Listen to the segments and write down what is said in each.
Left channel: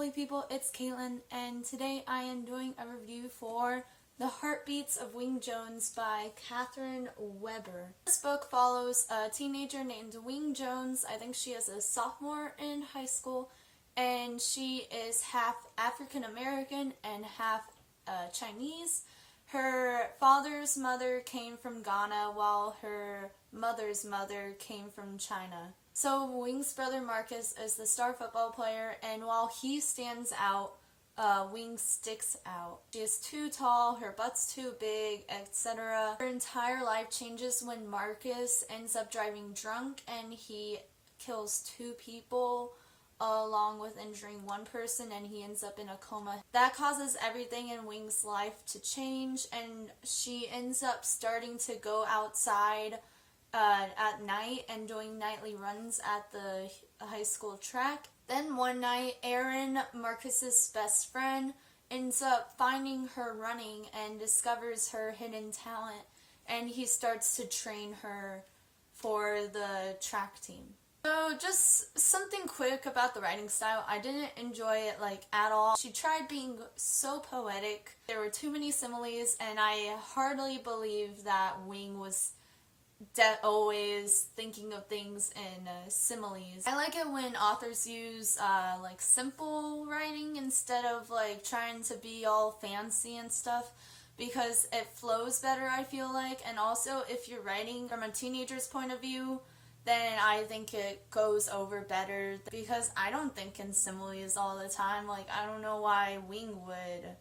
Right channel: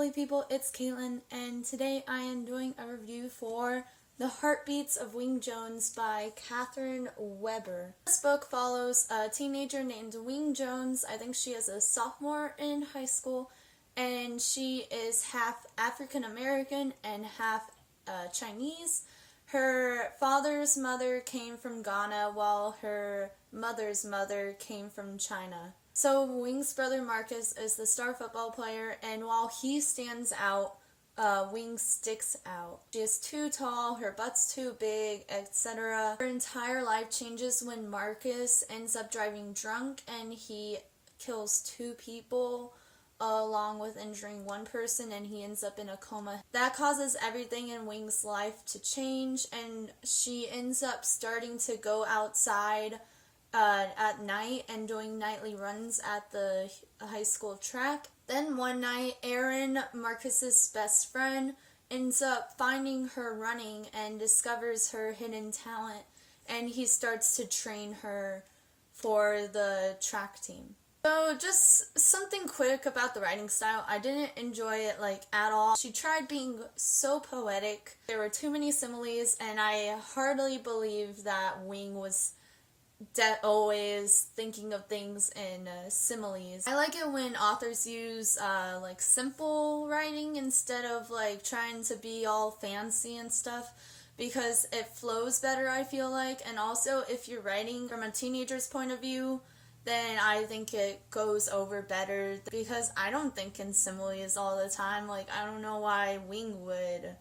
lovely people, it's Caitlin, and today I am doing a review for The Heartbeats of Wing Jones by Catherine Weber. This book follows a teenager named Wing Jones. I think she is a sophomore in high school, and she is half African American and half Chinese. Her father's mother came from Ghana, while her mother's mother came from China. So Wing's brother Marcus is the star football player, and while he stands out, Wing sticks out. She is too tall, her butt's too big, etc. Her entire life changes when Marcus ends up driving drunk and he kills 2 people along with injuring 1 person, and he ends up in a coma. That causes everything in Wing's life to change, and she ends up starting to go outside at night and doing nightly runs at the high school track. Then one night, Aaron, Marcus's best friend, ends up finding her running and discovers her hidden talent, and he starts to train her for the track team. So just something quick about the writing style. I didn't enjoy it at all. She tried being so poetic. There were too many similes, and I hardly believe that Wing was always thinking of things in similes. I like it when authors use simple writing instead of trying to be all fancy and stuff, because it flows better, I feel like. And also, if you're writing from a teenager's point of view, then I think it goes over better, because I don't think in similes all the time. I don't know why Wing would,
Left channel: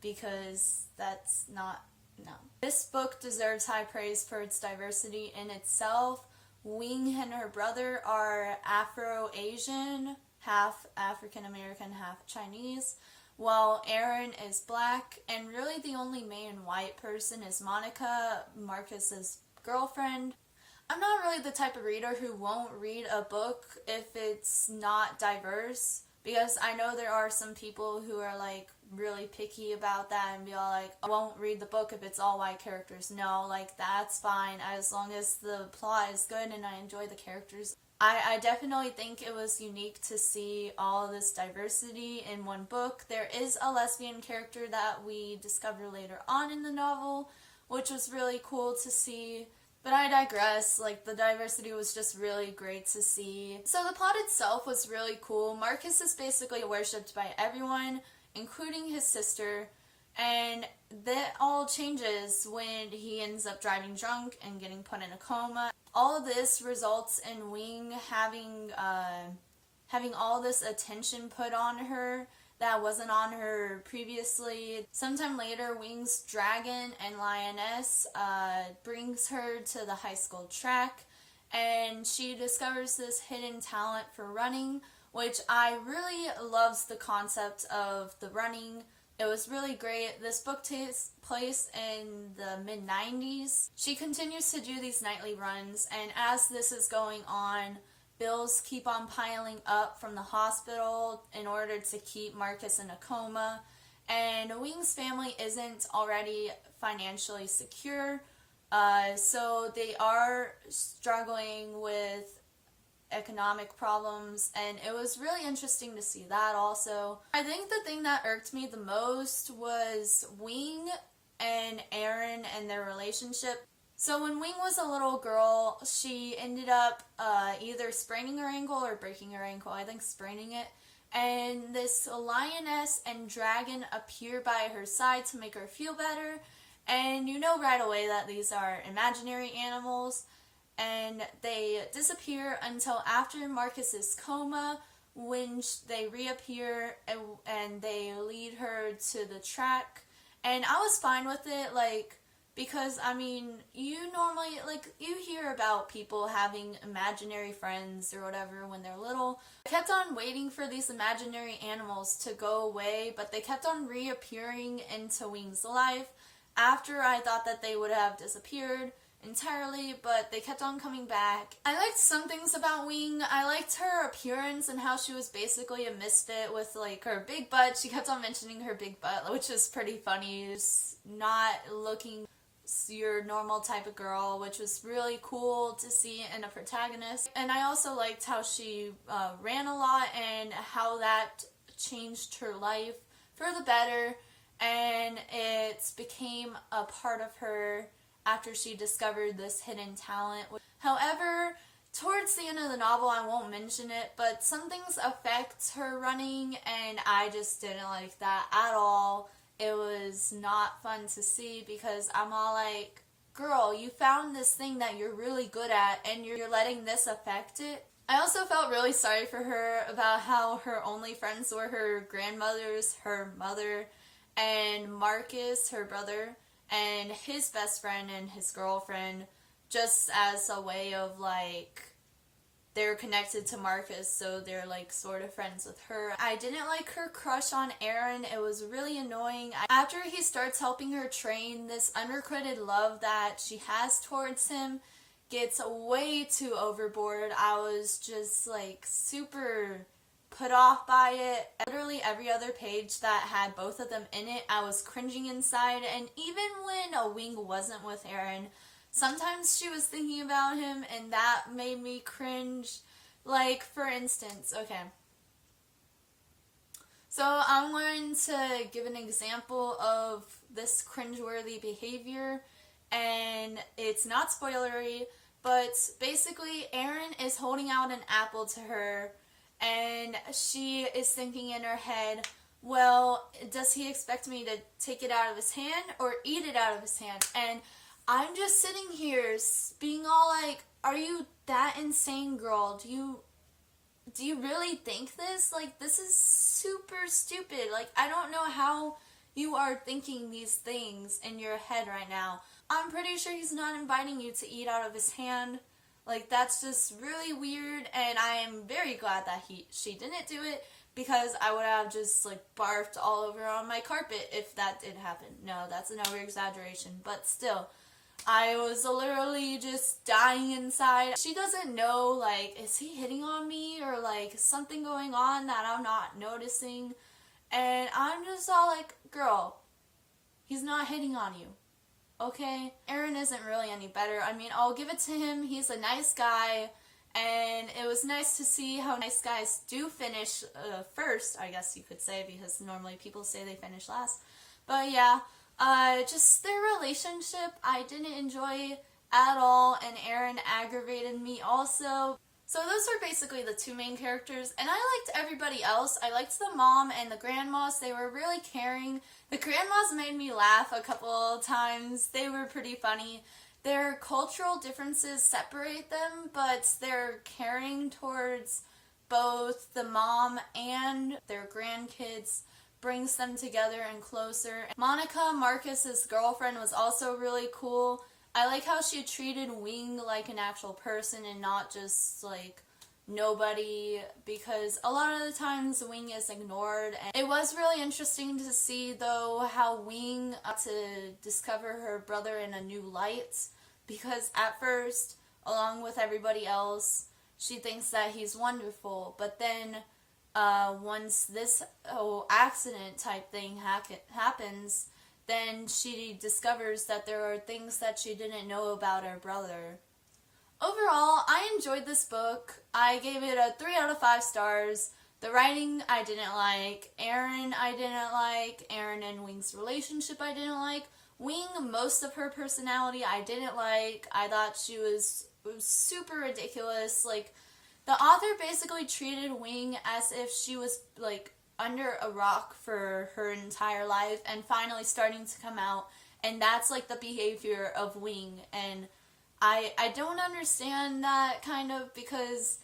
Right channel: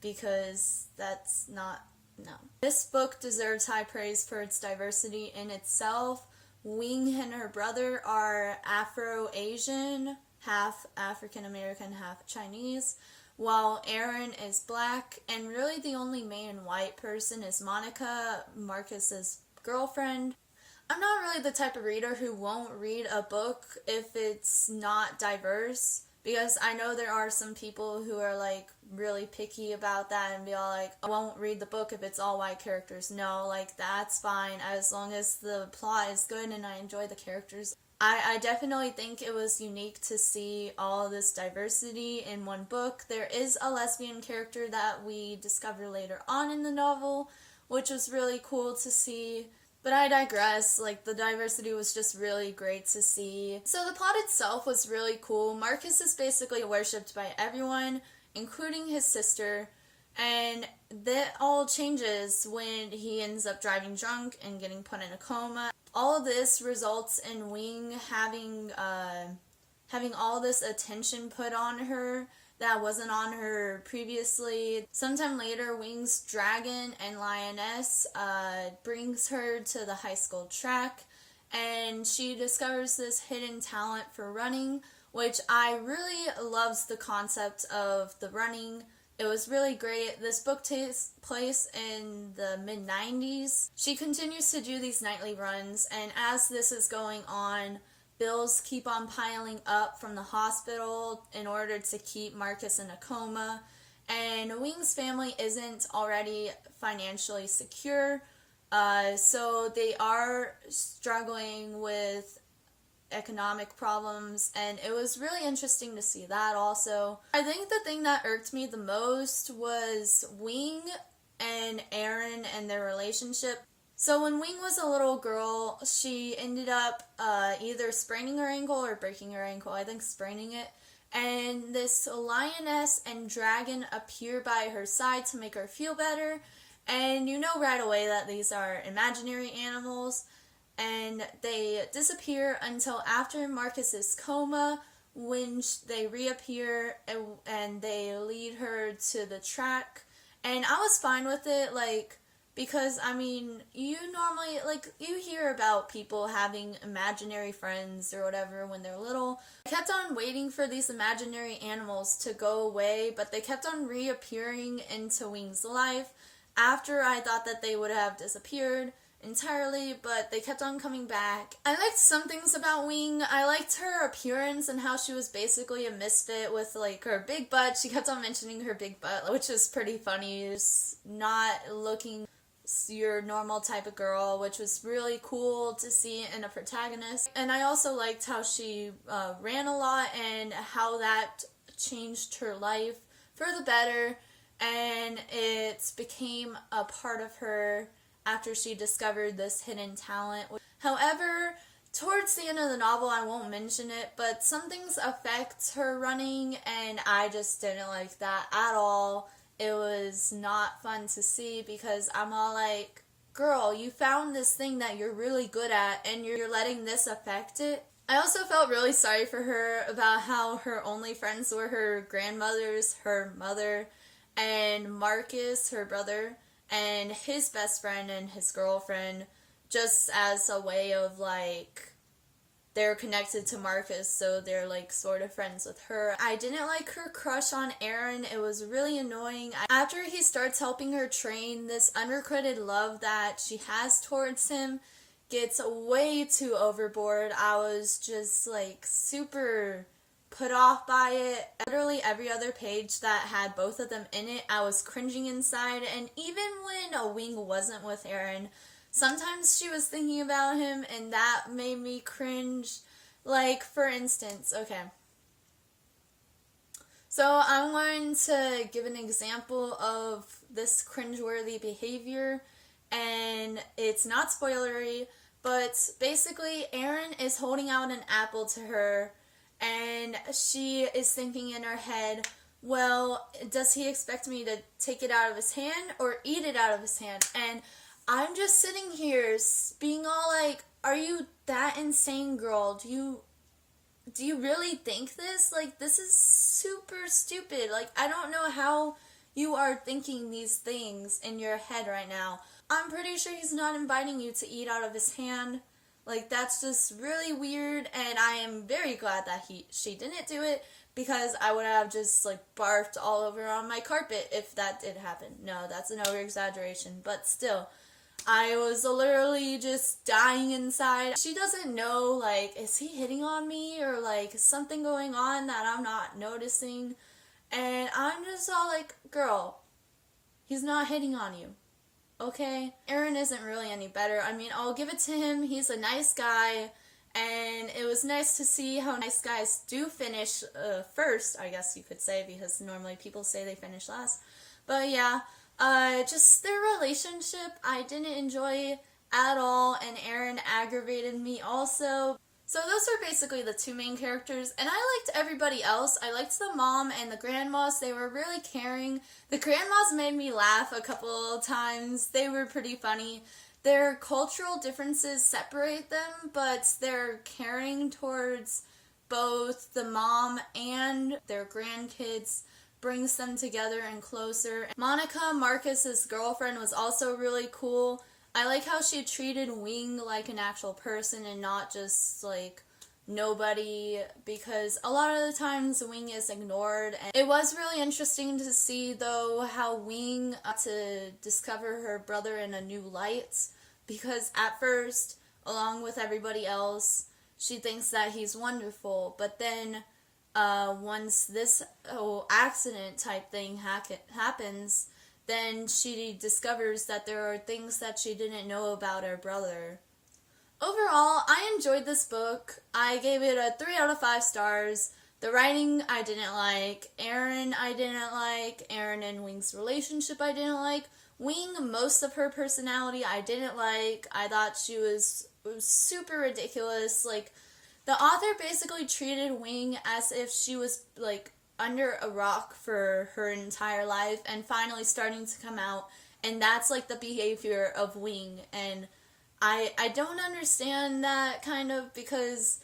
because that's not, no. This book deserves high praise for its diversity in itself. Wing and her brother are Afro-Asian, half African-American, half Chinese, while Aaron is black, and really the only main white person is Monica, Marcus's girlfriend. I'm not really the type of reader who won't read a book if it's not diverse, because I know there are some people who are really picky about that and be all I won't read the book if it's all white characters. No, that's fine as long as the plot is good and I enjoy the characters. I definitely think it was unique to see all this diversity in one book. There is a lesbian character that we discover later on in the novel, which was really cool to see. But I digress. The diversity was just really great to see. So the plot itself was really cool. Marcus is basically worshipped by everyone, including his sister, and that all changes when he ends up driving drunk and getting put in a coma. All of this results in Wing having all this attention put on her that wasn't on her previously. Sometime later, Wing's dragon and lioness brings her to the high school track, and she discovers this hidden talent for running, which I really loves the concept of the running. It was really great. This book takes place in the mid-90s. She continues to do these nightly runs, and as this is going on, bills keep on piling up from the hospital in order to keep Marcus in a coma, and Wing's family isn't already financially secure, so they are struggling with economic problems, and it was really interesting to see that also. I think the thing that irked me the most was Wing and Aaron and their relationship. So when Wing was a little girl, she ended up either spraining her ankle or breaking her ankle. I think spraining it. And this lioness and dragon appear by her side to make her feel better. And you know right away that these are imaginary animals. And they disappear until after Marcus's coma, when they reappear and they lead her to the track. And I was fine with it, because, you normally, you hear about people having imaginary friends or whatever when they're little. I kept on waiting for these imaginary animals to go away, but they kept on reappearing into Wing's life after I thought that they would have disappeared entirely, but they kept on coming back. I liked some things about Wing. I liked her appearance and how she was basically a misfit with her big butt. She kept on mentioning her big butt, which was pretty funny. Just not looking your normal type of girl, which was really cool to see in a protagonist. And I also liked how she ran a lot and how that changed her life for the better, and it became a part of her after she discovered this hidden talent. However, towards the end of the novel, I won't mention it, but some things affect her running, and I just didn't like that at all. It was not fun to see because I'm all like, girl, you found this thing that you're really good at, and you're letting this affect it. I also felt really sorry for her about how her only friends were her grandmothers, her mother, and Marcus, her brother, and his best friend and his girlfriend, just as a way of like, they're connected to Marcus, so they're like sort of friends with her. I didn't like her crush on Aaron. It was really annoying. After he starts helping her train, this unrequited love that she has towards him gets way too overboard. I was just like super put off by it. Literally every other page that had both of them in it, I was cringing inside, and even when Wing wasn't with Aaron, sometimes she was thinking about him, and that made me cringe. Like, for instance, okay. So I'm going to give an example of this cringeworthy behavior, and it's not spoilery, but basically Aaron is holding out an apple to her, and she is thinking in her head, well, does he expect me to take it out of his hand or eat it out of his hand? And I'm just sitting here being all like, are you that insane, girl? Do you really think this? Like, this is super stupid. Like, I don't know how you are thinking these things in your head right now. I'm pretty sure he's not inviting you to eat out of his hand. Like, that's just really weird, and I am very glad that she didn't do it, because I would have just like barfed all over on my carpet if that did happen. No, that's an over-exaggeration, but still, I was literally just dying inside. She doesn't know, like, is he hitting on me, or like something going on that I'm not noticing, and I'm just all like, girl, he's not hitting on you. Okay? Aaron isn't really any better. I mean, I'll give it to him. He's a nice guy, and it was nice to see how nice guys do finish first, I guess you could say, because normally people say they finish last. But yeah, just their relationship I didn't enjoy at all, and Aaron aggravated me also. So those are basically the two main characters, and I liked everybody else. I liked the mom and the grandmas. They were really caring. The grandmas made me laugh a couple times. They were pretty funny. Their cultural differences separate them, but their caring towards both the mom and their grandkids brings them together and closer. Monica, Marcus's girlfriend, was also really cool. I like how she treated Wing like an actual person and not just like nobody, because a lot of the times Wing is ignored. And it was really interesting to see though how Wing to discover her brother in a new light, because at first, along with everybody else, she thinks that he's wonderful, but then once this whole accident type thing happens, then she discovers that there are things that she didn't know about her brother. Overall, I enjoyed this book. I gave it a 3 out of 5 stars. The writing I didn't like. Aaron I didn't like. Aaron and Wing's relationship I didn't like. Wing, most of her personality I didn't like. I thought she was super ridiculous. Like, the author basically treated Wing as if she was like under a rock for her entire life and finally starting to come out, and that's like the behavior of Wing, and I don't understand that, kind of, because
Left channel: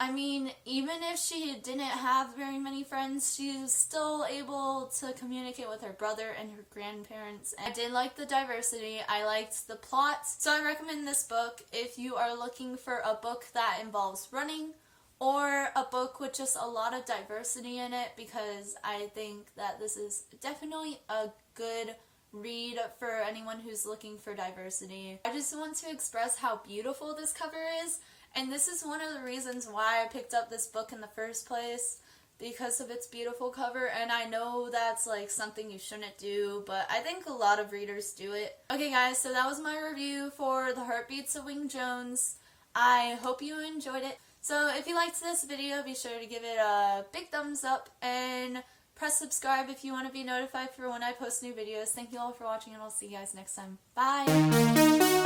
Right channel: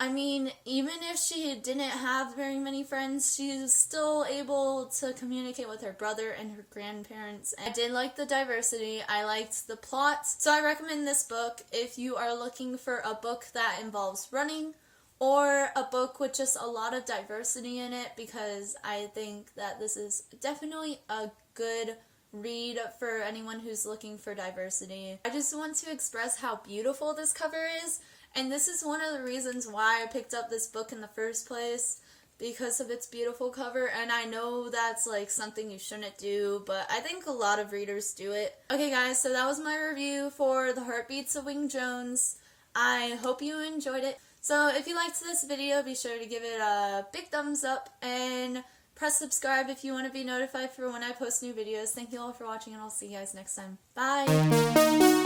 I mean, even if she didn't have very many friends, she's still able to communicate with her brother and her grandparents. And I did like the diversity. I liked the plot. So I recommend this book if you are looking for a book that involves running, or a book with just a lot of diversity in it, because I think that this is definitely a good read for anyone who's looking for diversity. I just want to express how beautiful this cover is, and this is one of the reasons why I picked up this book in the first place, because of its beautiful cover. And I know that's like something you shouldn't do, but I think a lot of readers do it. Okay guys, so that was my review for The Heartbeats of Wing Jones. I hope you enjoyed it. So if you liked this video, be sure to give it a big thumbs up and press subscribe if you want to be notified for when I post new videos. Thank you all for watching, and I'll see you guys next time. Bye!